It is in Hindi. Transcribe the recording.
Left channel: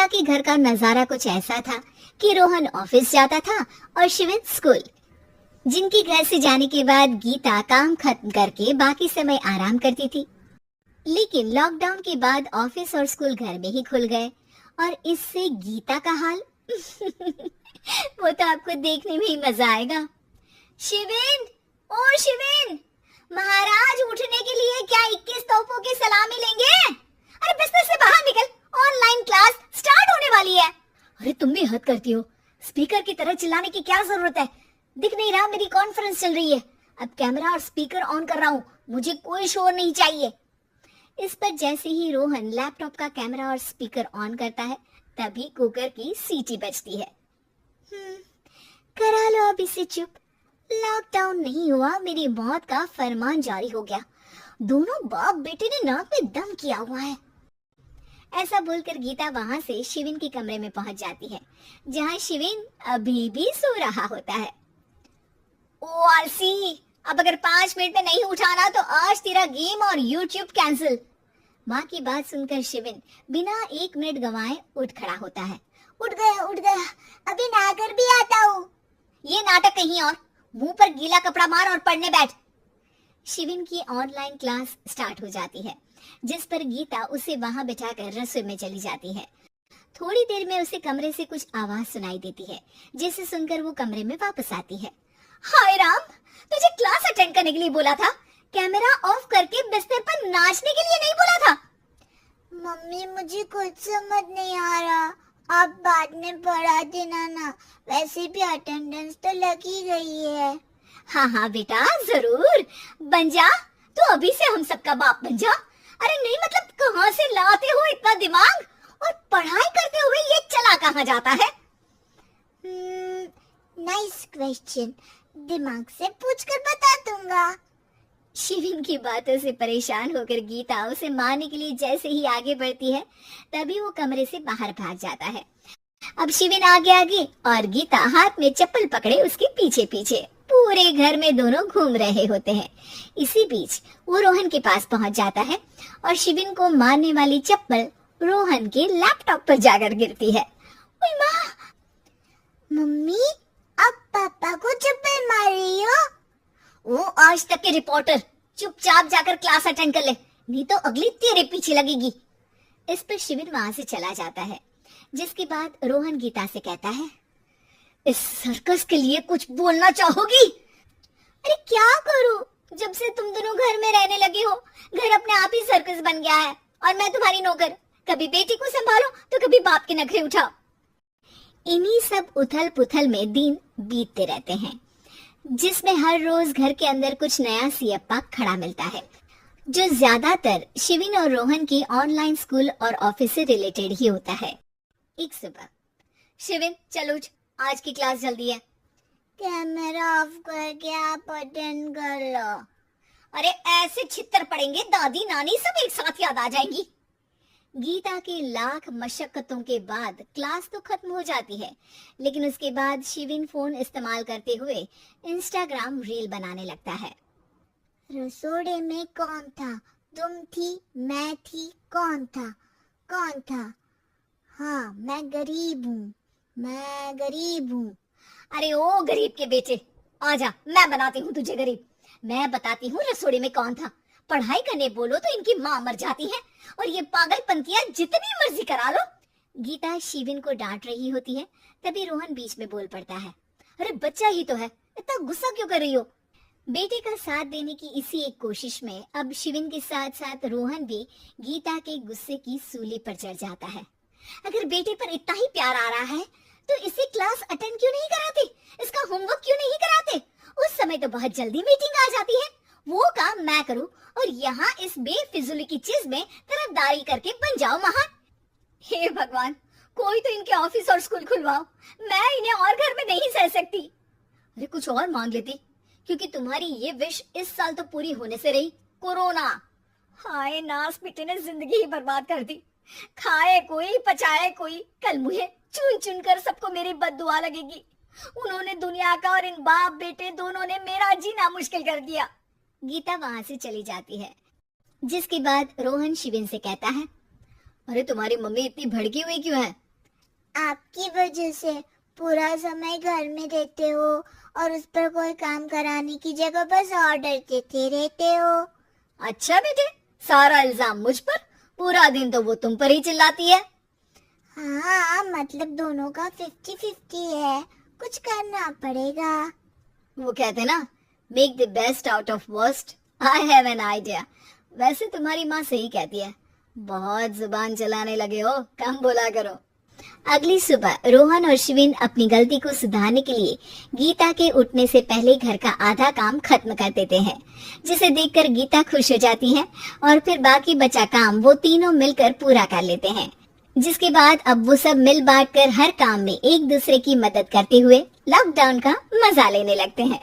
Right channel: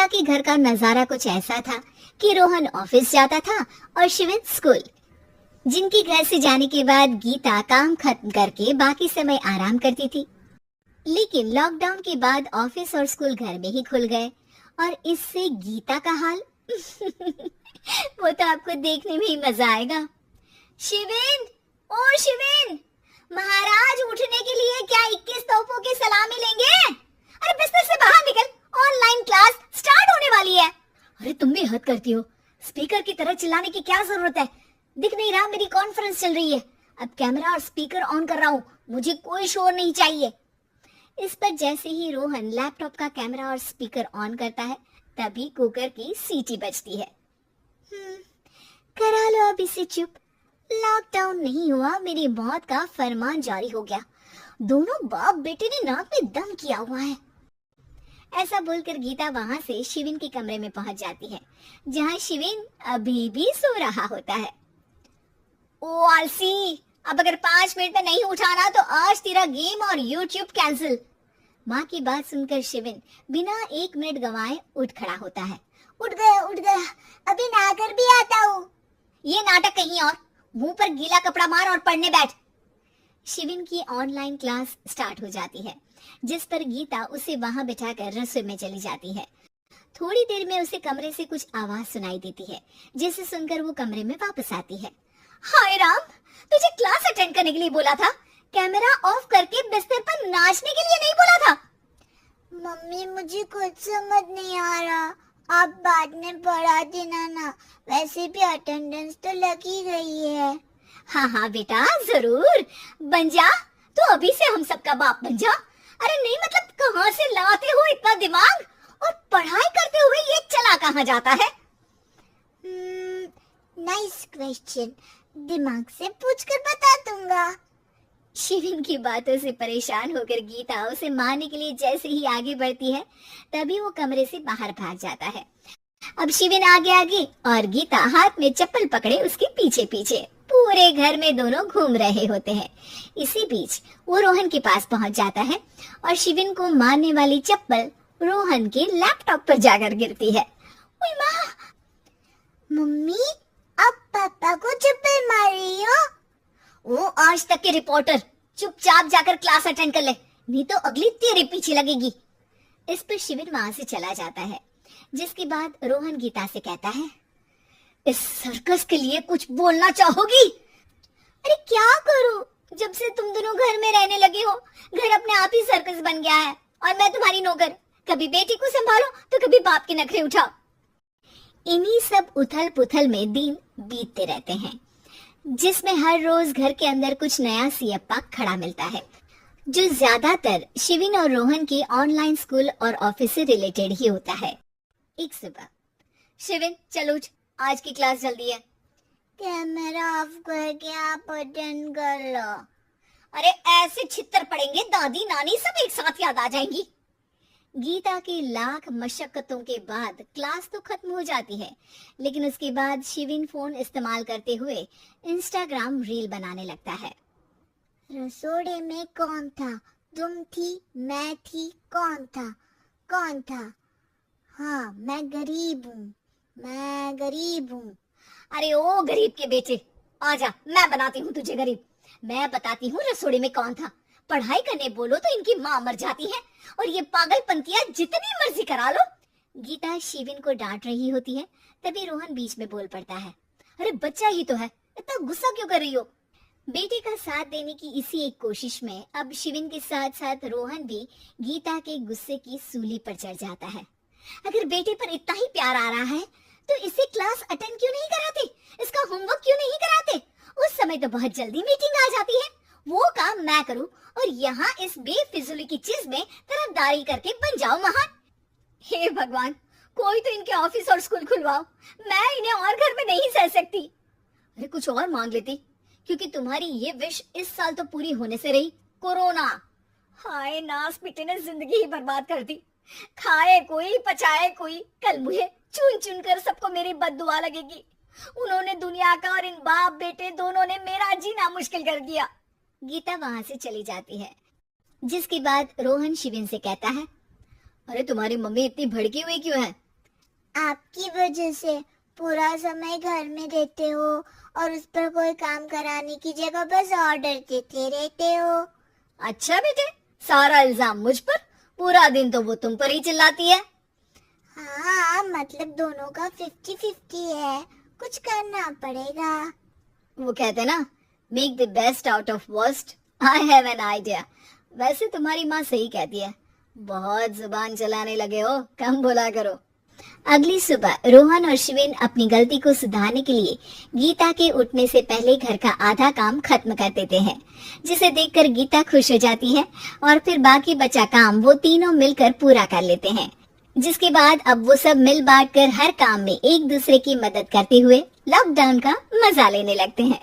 गीता के घर का नजारा कुछ ऐसा था कि रोहन ऑफिस जाता था और शिविन स्कूल। जिनके घर से जाने के बाद गीता काम खत्म करके बाकी समय आराम करती थी। लेकिन लॉकडाउन के बाद ऑफिस और स्कूल घर में ही खुल गए और इससे गीता का हाल वो तो आपको देखने में ही मजा आएगा। शिविन, ओ शिविन, महाराज उठने के लिए क्या 21 तोपों की सलामी लेंगे? अरे बिस्तर से बाहर निकल, ऑनलाइन क्लास स्टार्ट होने वाली है। अरे तुम भी हद करती हो, स्पीकर की तरह चिल्लाने की क्या जरूरत है? दिख नहीं रहा मेरी कॉन्फ्रेंस चल रही है। अब कैमरा और स्पीकर ऑन कर रहा हूँ, मुझे कोई शोर नहीं चाहिए। इस पर जैसे ही रोहन लैपटॉप का कैमरा और स्पीकर ऑन करता है तभी कुकर की सीटी बजती है। करा लो अब इसे चुप। लॉकडाउन नहीं हुआ, मेरी मौत का फरमान जारी हो गया। दोनों बाप बेटे ने नाक में दम किया हुआ है। ऐसा बोलकर गीता वहां से शिविन के कमरे में पहुंच जाती है, जहां शिविन अभी भी सो रहा होता है। ओ आरसी, अब अगर 5 मिनट में नहीं उठाना तो आज तेरा गेम और यूट्यूब कैंसिल। माँ की बात सुनकर शिविन बिना 1 मिनट गंवाए उठ खड़ा होता है। उठ गया, अभी नहाकर भी आता हूँ। ये नाटक कहीं और, मुंह पर गीला कपड़ा मार और पढ़ने बैठ। शिविन की ऑनलाइन क्लास स्टार्ट हो जाती है, जिस पर गीता उसे वहां बिठाकर रसोई में चली जाती है। थोड़ी देर में उसे कमरे से कुछ आवाज सुनाई देती है, जिसे सुनकर वो कमरे में वापस आती है। हाय राम, तुझे क्लास अटेंड करने के लिए बोला था, कैमरा ऑफ करके बिस्तर पर नाचने के लिए नहीं बोला था। मम्मी मुझे कुछ समझ नहीं आ रहा, आप बाद में पढ़ा देना ना, वैसे भी अटेंडेंस तो लगी गई है। हाँ बेटा, जरूर बन जा, तो अभी से हम सबका बाप बन जा। अरे नहीं मतलब कहाँ से लाते हो इतना दिमाग, और पढ़ाई करते हुए ये चला कहाँ जाता है? नाइस क्वेश्चन, दिमाग से पूछकर बता दूंगा। शिविन की बातों से परेशान होकर गीता उसे मारने के लिए जैसे ही आगे बढ़ती है तभी वो कमरे से बाहर भाग जाता है। अब शिविन आगे और गीता हाथ में चप्पल पकड़े उसके पीछे पीछे पूरे घर में दोनों घूम रहे होते हैं। इसी बीच वो रोहन के पास पहुंच जाता है और शिविन को मारने वाली चप्पल रोहन के लैपटॉप पर जाकर गिरती है। ओए माँ! मम्मी, आप पापा को चप्पल मार रही हो? वो आज तक के रिपोर्टर, चुपचाप जाकर क्लास अटेंड कर ले, नहीं तो अगली तेरे पीछे लगेगी। इस पर शिविन वहां से चला जाता है, जिसके बाद रोहन गीता से कहता है, इस सर्कस के लिए कुछ बोलना चाहोगी? अरे क्या करूं, जब से तुम दोनों घर में रहने लगे हो, घर अपने आप ही सर्कस बन गया है और मैं तुम्हारी नौकर। कभी बेटी को संभालो तो कभी बाप के नखरे उठाओ। इन्हीं सब उथल पुथल में दिन बीतते रहते हैं, जिसमें हर रोज घर के अंदर कुछ नया सियप्पा खड़ा मिलता है, जो ज्यादातर शिविन और रोहन के ऑनलाइन स्कूल और ऑफिस से रिलेटेड ही होता है। एक सुबह, शिविन चल उठ, आज की क्लास जल्दी है। कैमरा ऑफ करके आप अटेंड कर लो। अरे ऐसे छित्तर पड़ेंगे, दादी नानी सब एक साथ याद आ जाएंगी। गीता की लाख मशक्कतों के बाद क्लास तो खत्म हो जाती है, लेकिन उसके बाद शिविन फोन इस्तेमाल करते हुए इंस्टाग्राम रील बनाने लगता है। रसोड़े में कौन था? तुम थी, मैं थी, कौन था? कौन था? हाँ, मैं गरीब हूँ। अरे ओ गरीब के बेटे, आजा, मैं बनाती हूँ तुझे गरीब। मैं बताती हूँ रसोड़े में कौन था। पढ़ाई करने बोलो तो इनकी माँ मर जाती है और ये पागलपंतियां जितनी मर्जी करा लो। गीता शिविन को डांट रही होती है, तभी रोहन बीच में बोल पड़ता है। अरे बच्चा ही तो है, इतना गुस्सा क्यों कर रही हो? बेटे का साथ देने की इसी एक कोशिश में अब शिविन के साथ साथ रोहन भी गीता के गुस्से की सूली पर चढ़ जाता है। अगर बेटे पर इतना ही प्यार आ रहा है तो इसे क्लास अटेंड क्यों नहीं कराते, इसका होमवर्क क्यों नहीं कराते? उस समय तो बहुत जल्दी मीटिंग आ जाती है, वो काम मैं करूं और यहाँ इस बेफिजूली की चीज में तरफदारी करके बन जाओ महान। हे भगवान, कोई तो इनके ऑफिस और स्कूल खुलवाओ, मैं इन्हें और घर में नहीं सह सकती। अरे कुछ और मांग लेती, क्योंकि तुम्हारी ये विश इस साल तो पूरी होने से रही, कोरोना। हाय नास पिटे ने जिंदगी ही बर्बाद कर दी। खाए कोई पचाए कोई, कल मुझे चुन चुन कर सबको मेरी बद्दुआ लगेगी। उन्होंने दुनिया का और इन बाप बेटे दोनों ने मेरा जीना मुश्किल कर दिया। गीता वहां से चली जाती है, जिसके बाद रोहन शिविन से कहता है, अरे तुम्हारी मम्मी इतनी भड़की हुई क्यों है? आपकी वजह से पूरा समय घर में रहते हो और उस पर कोई काम कराने की जगह बस ऑर्डर देते रहते हो। अच्छा बेटे, सारा इल्जाम मुझ पर, पूरा दिन तो वो तुम पर ही चिल्लाती है। हाँ, मतलब दोनों का 50-50 है, कुछ करना पड़ेगा। वो कहते ना, make the best out of worst. I have an idea. वैसे तुम्हारी माँ सही कहती है, बहुत जुबान चलाने लगे हो, कम बोला करो। अगली सुबह रोहन और शिविन अपनी गलती को सुधारने के लिए गीता के उठने से पहले घर का आधा काम खत्म कर देते हैं, जिसे देखकर गीता खुश हो जाती है और फिर बाकी बचा काम वो तीनों मिलकर पूरा कर लेते हैं। जिसके बाद अब वो सब मिल बांट कर हर काम में एक दूसरे की मदद करते हुए लॉकडाउन का मजा लेने लगते हैं।